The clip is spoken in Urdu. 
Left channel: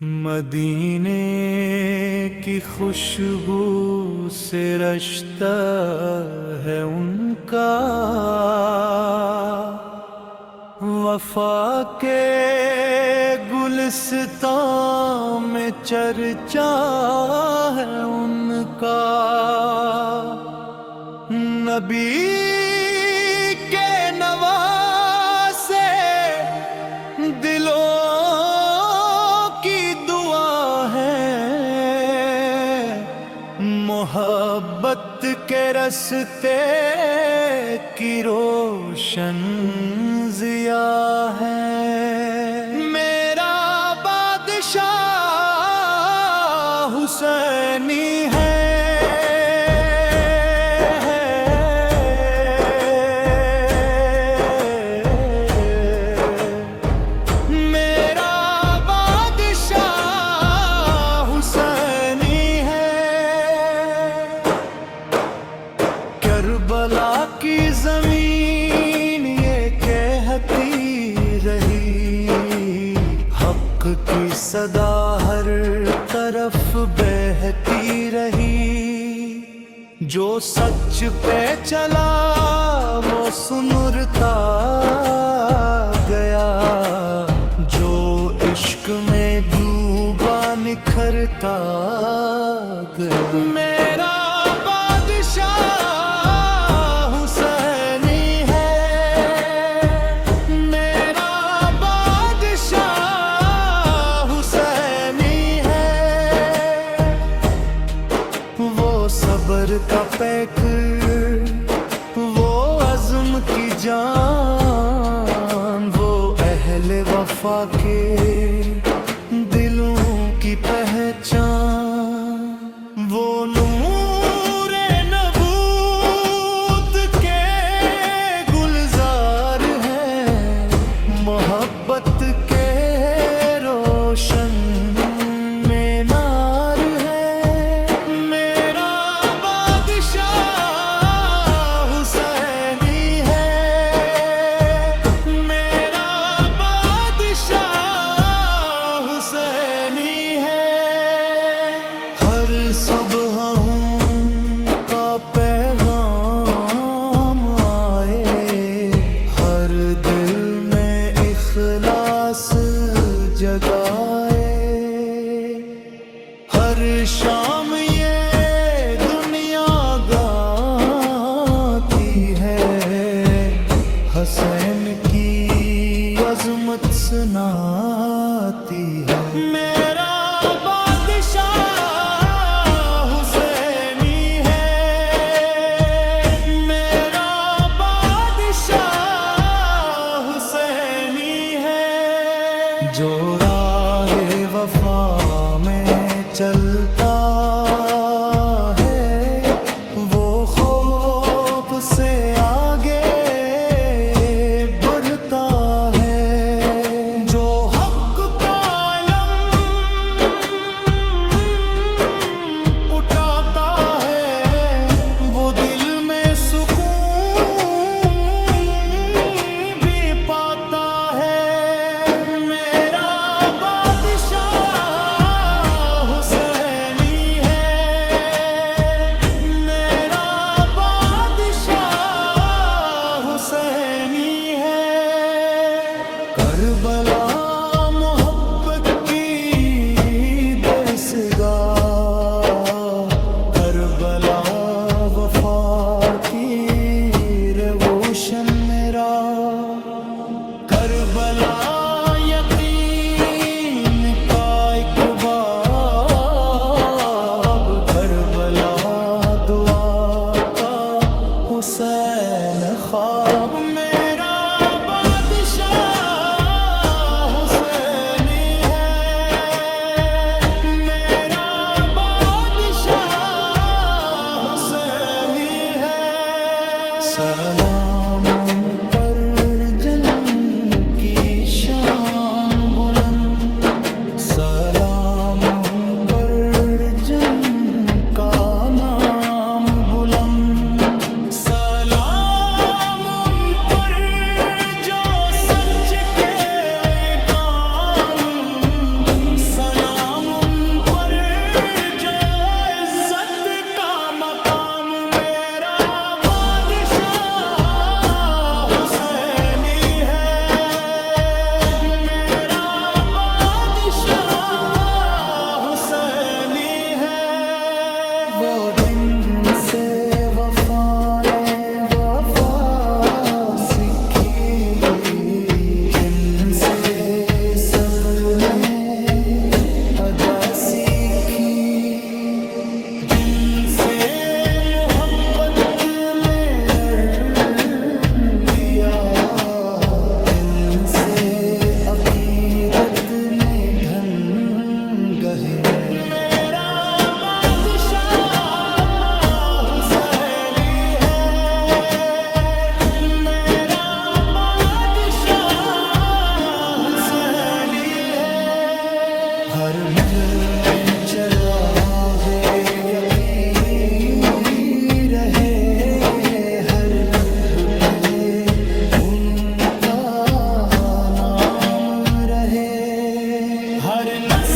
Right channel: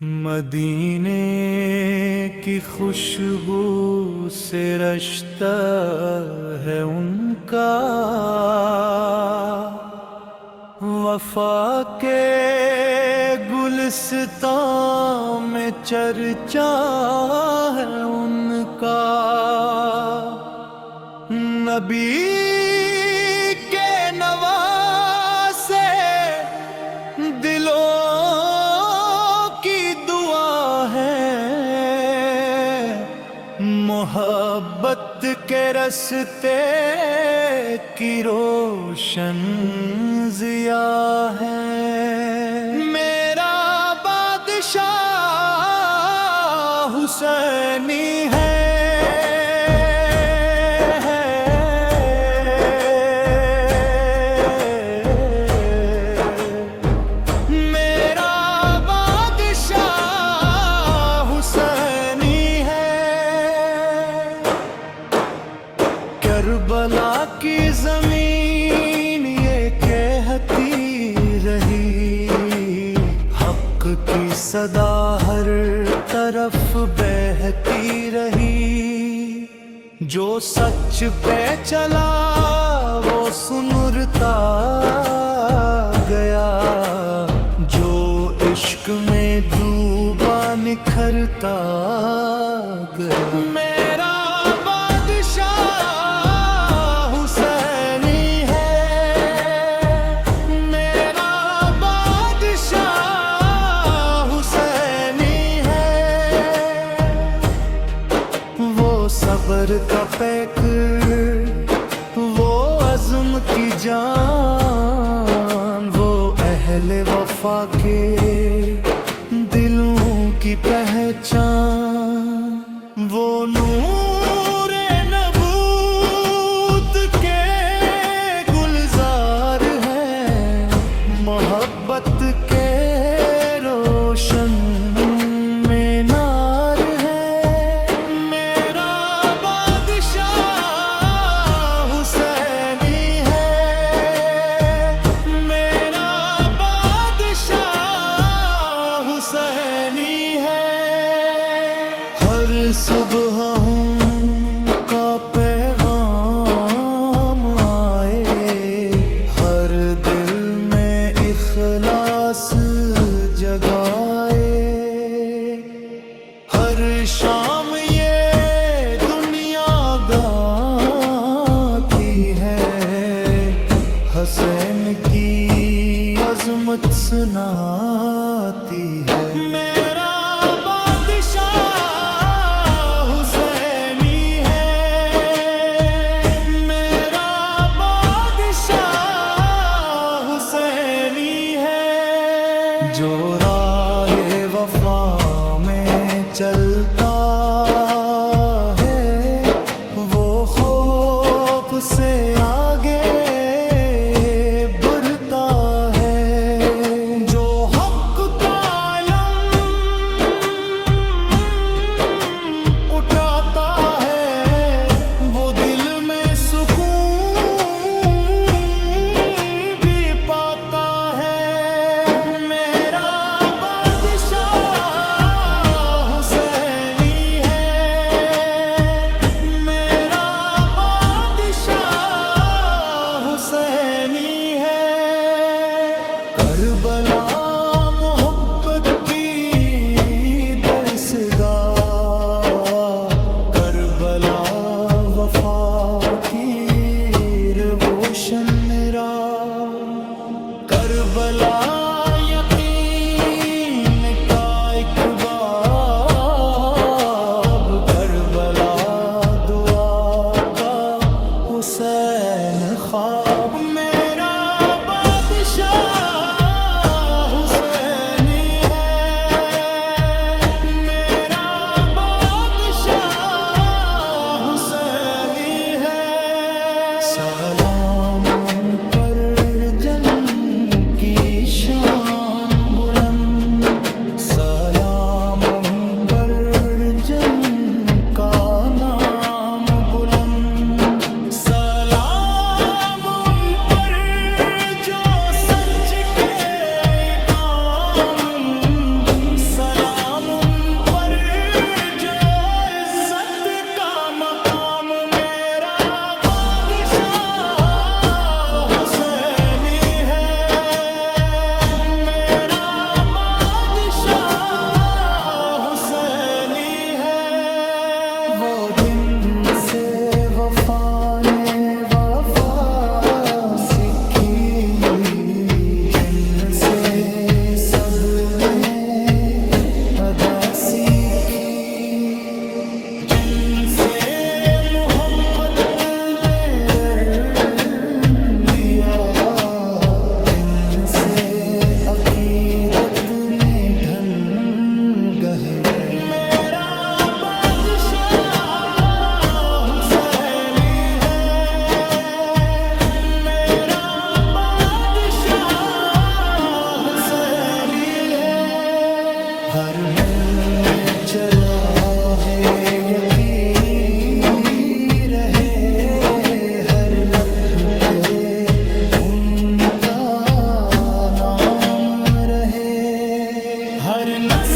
مدینے کی خوشبو سے رشتہ ہے ان کا، وفا کے گلستان میں چرچا ہے ان کا۔ نبی کے نواسے دلوں کی دعا ہے، محبت کے رستے کی روشن ضیاء ہے۔ میرا بادشاہ حسینی ہے، کربلا کی زمین یہ کہتی رہی، حق کی صدا ہر طرف بہتی رہی۔ جو سچ پہ چلا وہ سنرتا گیا، جو عشق میں ڈوبا نکھرتا گیا۔ میرا بادشاہ صبر کا پیکر، وہ عزم کی جان، وہ اہل وفا کے دلوں کی پہچان، وہ نور نبوت کے گلزار ہے، محبت کے روشن میں نار ہے۔ ہر صبح ان کا پیغام آئے، ہر دل میں اخلاص جگائے، ہر شام یہ دنیا گاتی ہے، حسین کی عظمت سناتی ہے۔ میرا بادشاہ حسینی ہے، میرا بادشاہ حسینی ہے۔ جو راہ وفا میں چلتا ہے وہ خوف سے آگے کربلا محبت کی درسگاہ، کربلا وفا کی روشن راہ، کربلا یقین کا ایک باب، کربلا دعا کا حسین خواب۔ میرا بادشاہ سلام ان پر جن کی شان بلند، سلام ان پر جن کا نام بلند، سلام ان پر جو سچ کے کام، سلام حسینی ہے وہ دن سے وفا نے وفا سیکھی جن سے سب نے ادا سیکھی جن سے محبت نے رڑ لیا جن سے عقیدت نے ڈھنگ ہے میرا بادشاہ حسینی ہے میرا بادشاہ حسینی ہے ہر مل میں چراغے یقین رہے ہر لب پہ ان کا نام رہے ہر نسل